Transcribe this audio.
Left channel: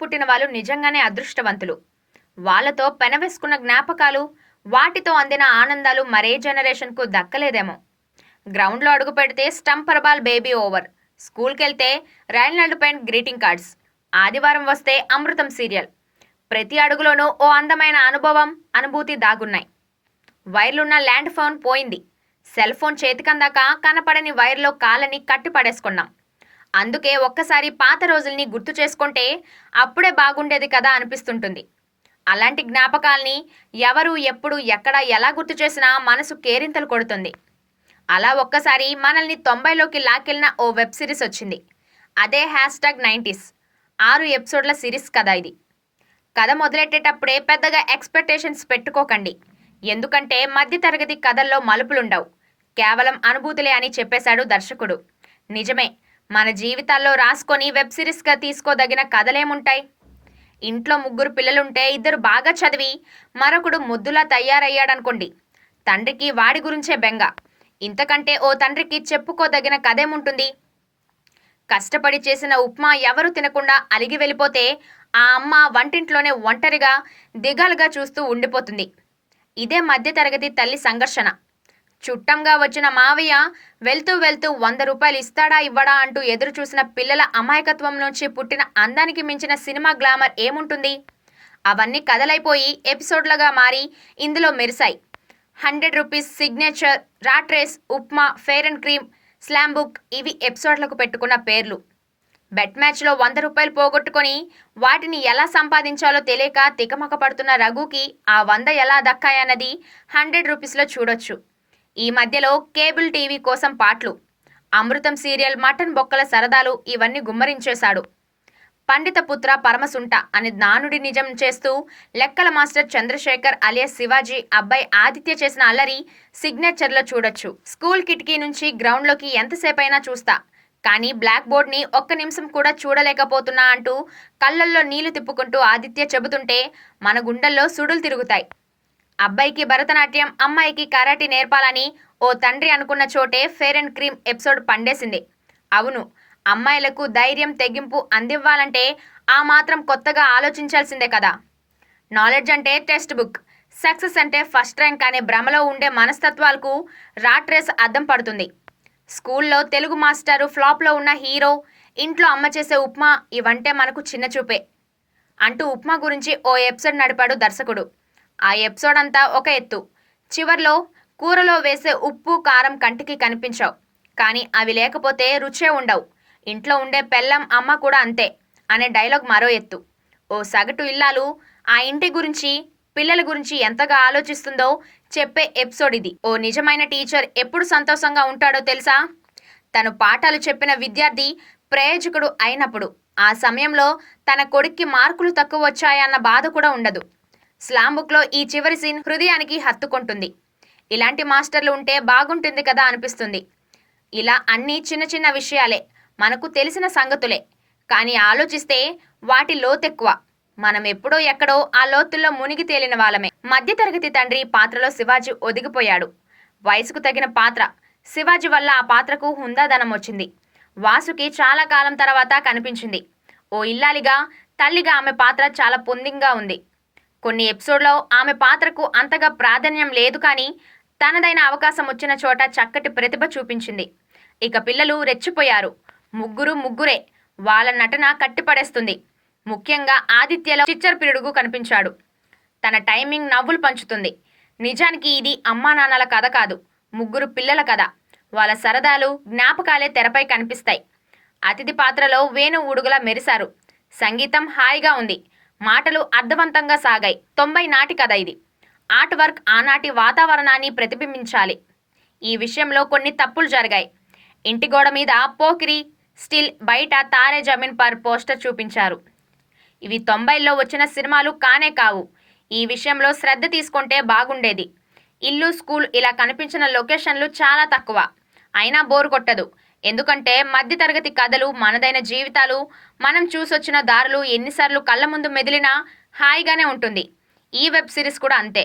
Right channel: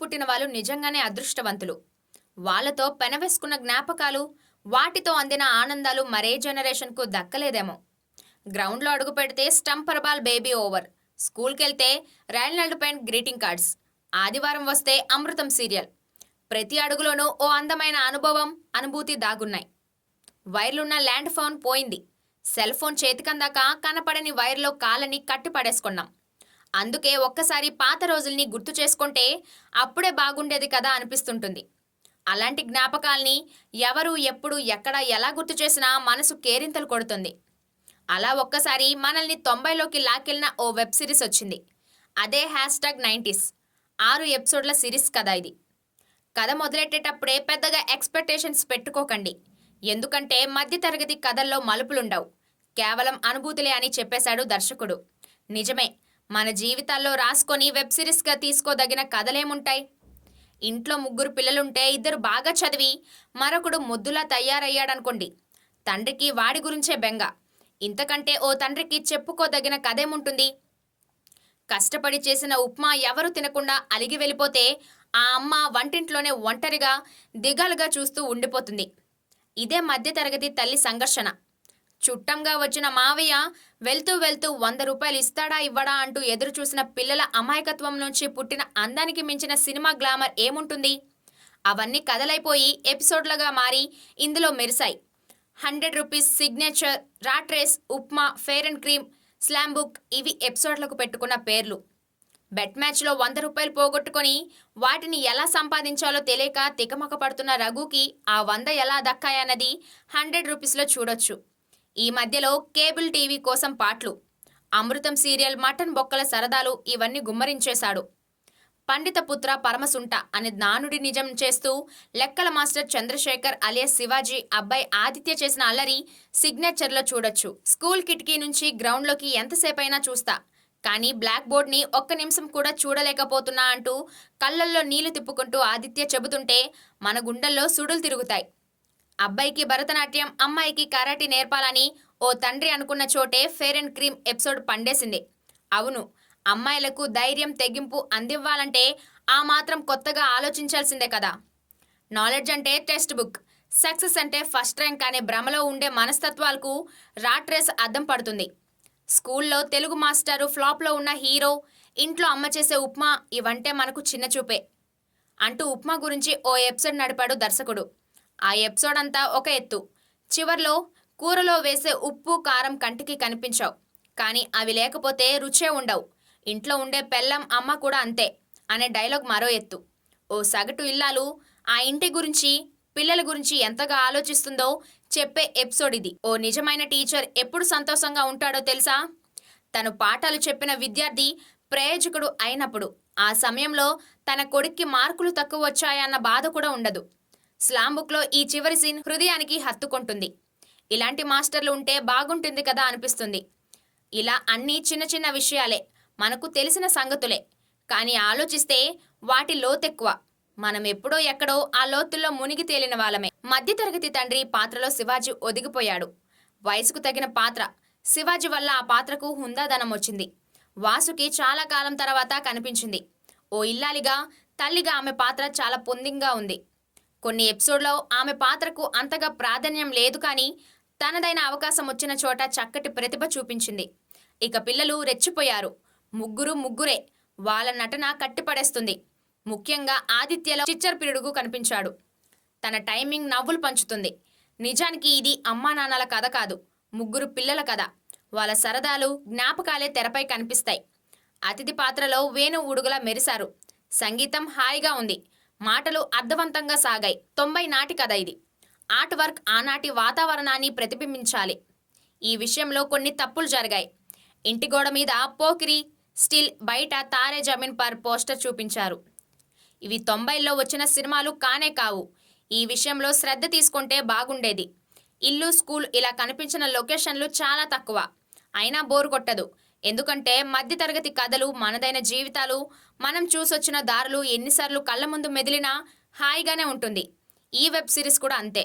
పుట్టిన వాళ్ళు నిజంగానే అదృష్టవంతులు. వాళ్ళతో పెనవేసుకున్న జ్ఞాపకాలు, వాటితో అందిన ఆనందాలు మరే జనరేషన్‌కు దక్కలేదేమో. గ్రౌండ్‌లో అడుగుపెడితే స్టంపర్ బాల్ బేబీ ఓవర్. స్కూల్‌కెళ్తే రైల్‌నల్డ్ పెయింట్ గ్రీటింగ్ కార్డ్స్. ఆదివారం వస్తే అమృతం సీరియల్. ప్రతి అడుగులోనూ ఓ అందమైన అనుభవం, అనుభూతి దాగున్నాయి. వైర్లున్న ల్యాండ్ ఫోన్ పోయింది. సెల్ ఫోన్ చేతికందాక కనపడని వైర్‌లో కాళ్ళని కట్టి పడేసుకున్నాం. అందుకే ఒక్కసారి పాత రోజుల్ని గుర్తు చేసుకుంటే అప్పుడే బాగుండేది కదా అనిపిస్తుంటుంది. అలాంటి జ్ఞాపకాల్ని ఎవరు, ఎప్పుడు, ఎక్కడ, ఎలా గుర్తు చేసినా మనసు కేరింతలు కొడుతుంది. అలా ఒక్కసారి మనల్ని 90లోకి లాక్కెళ్ళిన ఓ వెబ్ సిరీస్ వచ్చింది. అదే #90s. 6 ఎపిసోడ్ల సిరీస్ కథ ఇది. కథ మొదలెట్టేటప్పుడే పెద్దగా ఎక్స్‌పెక్టేషన్స్ పెట్టుకోకండి. ఎందుకంటే మధ్యతరగతి కథల్లో మలుపులుండవు. కేవలం అనుభూతులే అని చెప్పేశాడు దర్శకుడు. నిజమే. మన జీవితాల్లో రాసుకొని వెబ్ సిరీస్‌గా తీసుకోదగిన కథలేముంటాయి? ఇంట్లో ముగ్గురు పిల్లలుంటే ఇద్దరు బాగా చదివి మరొకడు మొద్దులా తయారయ్యాడనుకోండి. తండ్రికి వాడి గురించే బెంగ. ఇంతకంటే ఓ తండ్రికి చెప్పుకోదగిన కథేముంటుంది? కష్టపడి చేసిన ఉప్మా ఎవరూ తినకుండా అలిగి వెళ్ళిపోతే ఆ అమ్మ వంటింట్లోనే ఒంటరిగా, దిగాలుగా చూస్తూ ఉండిపోతుంది. ఇదే మధ్యతరగతి తల్లి సంఘర్షణ. చుట్టంగా వచ్చిన మావయ్య వెళ్తూ వెళ్తూ ₹100 ఇస్తాడా ఇవ్వడా అంటూ ఎదురు చూసిన పిల్లల అమాయకత్వం నుంచి పుట్టిన అందానికి మించిన సినిమా గ్లామర్ ఏముంటుంది? అవన్నీ కథలైపోయి ఎపిసోడ్లుగా మారి ఇందులో మెరిశాయి. ₹100 signature, rat race, upma, fair and cream, slam book ఇవి ఎపిసోడ్లకు పెట్టుకున్న పేర్లు. బెట్ మ్యాచ్లో ₹100 పోగొట్టుకొని వాటిని ఎలా సంపాదించాలో తెలియక తికమక పడుతున్న రఘుకి ఆ 100 ఎలా దక్కాయన్నది ₹100లో చూడొచ్చు. ఈ మధ్యలో కేబుల్ టీవీ కోసం పాటలు, అమృతం సీరియల్, మటన్ బొక్కల సరదాలు ఇవన్నీ గుమ్మరించేశాడు. పండిత పుత్ర పరమసుంట అని నానుడి నిజం చేస్తూ లెక్కల మాస్టర్ చంద్రశేఖర్ అలియాస్ శివాజీ అబ్బాయి ఆదిత్య చేసిన అల్లరి సిగ్నేచర్లో చూడొచ్చు. స్కూల్ కిటికీ నుంచి గ్రౌండ్లోకి ఎంతసేపైనా చూస్తా, కానీ బ్లాక్ బోర్డ్ని ఒక్క నిమిషం కూడా చూడలేకపోతున్నా అంటూ కళ్ళల్లో నీళ్లు తిప్పుకుంటూ ఆదిత్య చెబుతుంటే మన గుండెల్లో సుడులు తిరుగుతాయి. అబ్బాయికి భరతనాట్యం, అమ్మాయికి కరాటే నేర్పాలని ఓ తండ్రి అనుకున్న చోటే ఫెయిర్ అండ్ క్రీమ్ ఎపిసోడ్ పండేసింది. అవును, అమ్మాయిలకు ధైర్యం, తెగింపు అందివ్వాలంటే ఆ మాత్రం కొత్తగా ఆలోచించాల్సిందే కదా. నాలెడ్జ్ అంటే టెక్స్ట్ బుక్, సక్సెస్ అంటే ఫస్ట్ ర్యాంక్ అనే భ్రమలో ఉండే మనస్తత్వాలకు రాట్ రేస్ అద్దం పడుతుంది. స్కూల్లో తెలుగు మాస్టారు, ఫ్లాప్లో ఉన్న హీరో, ఇంట్లో అమ్మ చేసే ఉప్మా ఇవంటే మనకు చిన్న చూపే అంటూ ఉప్మా గురించి ఓ ఎపిసోడ్ నడిపాడు దర్శకుడు. ఆ ఎపిసోడ్ అంతా ఒక ఎత్తు. చివర్లో కూరలో వేసే ఉప్పు, కారం కంటికి కనిపించవు, కానీ అవి లేకపోతే రుచే ఉండవు. ఇంట్లో ఉండే పెళ్ళం, అమ్మ కూడా అంతే అనే డైలాగ్ మరో ఎత్తు. ఓ సగటు ఇల్లాలు ఆ ఇంటి గురించి, పిల్లల గురించి ఎంతగా ఆలోచిస్తుందో చెప్పే ఎపిసోడ్ ఇది. ఓ నిజమైన టీచర్ ఎప్పుడు సంతోషంగా ఉంటాడో తెలుసా? తను పాఠాలు చెప్పిన విద్యార్థి ప్రయోజకుడు అయినప్పుడు. ఆ సమయంలో తన కొడుక్కి మార్కులు తక్కువ వచ్చాయన్న బాధ కూడా ఉండదు. స్లామ్ బుక్లో ఈ చివరి సీన్ హృదయానికి హత్తుకుంటుంది. ఇలాంటి మాస్టర్లు ఉంటే బాగుంటుంది కదా అనిపిస్తుంది. ఇలా అన్నీ చిన్న చిన్న విషయాలే, మనకు తెలిసిన సంగతులే, కానీ ఆలోచిస్తే వాటి లోతెక్కువ. మనం ఎప్పుడో ఎక్కడో ఆ లోతుల్లో మునిగి తేలిన వాళ్ళమే. మధ్యతరగతి తండ్రి పాత్రలో శివాజీ ఒదిగిపోయాడు. వయసుకు తగిన పాత్ర. శివాజీ వల్ల ఆ పాత్రకు హుందాదనం వచ్చింది. వాసుకి చాలా కాలం తర్వాత కనిపించింది. ఓ ఇల్లాలిగా, తల్లిగా ఆమె పాత్ర చాలా పొందింగా ఉంది. కొన్ని ఎపిసోడ్లో ఆమె పాత్రకు అంతగా ప్రాధాన్యం లేదు, కానీ తనదైన అవకాశం వచ్చిన చోట చక్కటి ప్రతిభ చూపించింది. ఇక పిల్లలు రెచ్చిపోయారు. ముగ్గురే. వాళ్ళ నటన కట్టిపడేస్తుంది. ముఖ్యంగా ఆదిత్యలో చిచ్చర్ పిడుగు కనిపించాడు. తన టైమింగ్ నవ్వులు పంచుతుంది. నిజానికి ఇది అమ్మా నాన్నల కథ కాదు, ముగ్గురు పిల్లల కథ. వాళ్ళ సరదాలు, జ్ఞాపకాలే తెరపై కనిపిస్తాయి. అతిథి పాత్రలో వేణు ఉడుగులా మెరిశారు. సంగీతం హాయిగా ఉంది. మాటలు అర్థవంతంగా సాగాయి. 90 నాటి కథ ఇది. ఆర్ట్ వర్క్ ఆనాటి వాతావరణాన్ని ప్రతిబింబించాలి. ఈ విషయంలో కొన్ని తప్పులు జరిగాయి. ఇంటి గోడ మీద పోకిరి స్టిల్, బయట తారే జమీన్ పర్ పోస్టర్ చూపించారు. ఇవి 90లో వచ్చిన సినిమాలు కానే కావు. ఈ విషయంలో శ్రద్ధ తీసుకుంటే బాగుండేది. ఇల్లు, స్కూల్ ఇలా కనిపించిన లొకేషన్లు చాలా తక్కువ. అయినా బోర్ కొట్టదు. ఎందుకంటే మధ్యతరగతి కథలు, మనదైన జీవితాలు, మనం చూసొచ్చిన దారులు ఎన్నిసార్లు కళ్ళ ముందు మెదిలినా హాయిగానే ఉంటుంది. ఈ వెబ్ సిరీస్ కూడా అంతే.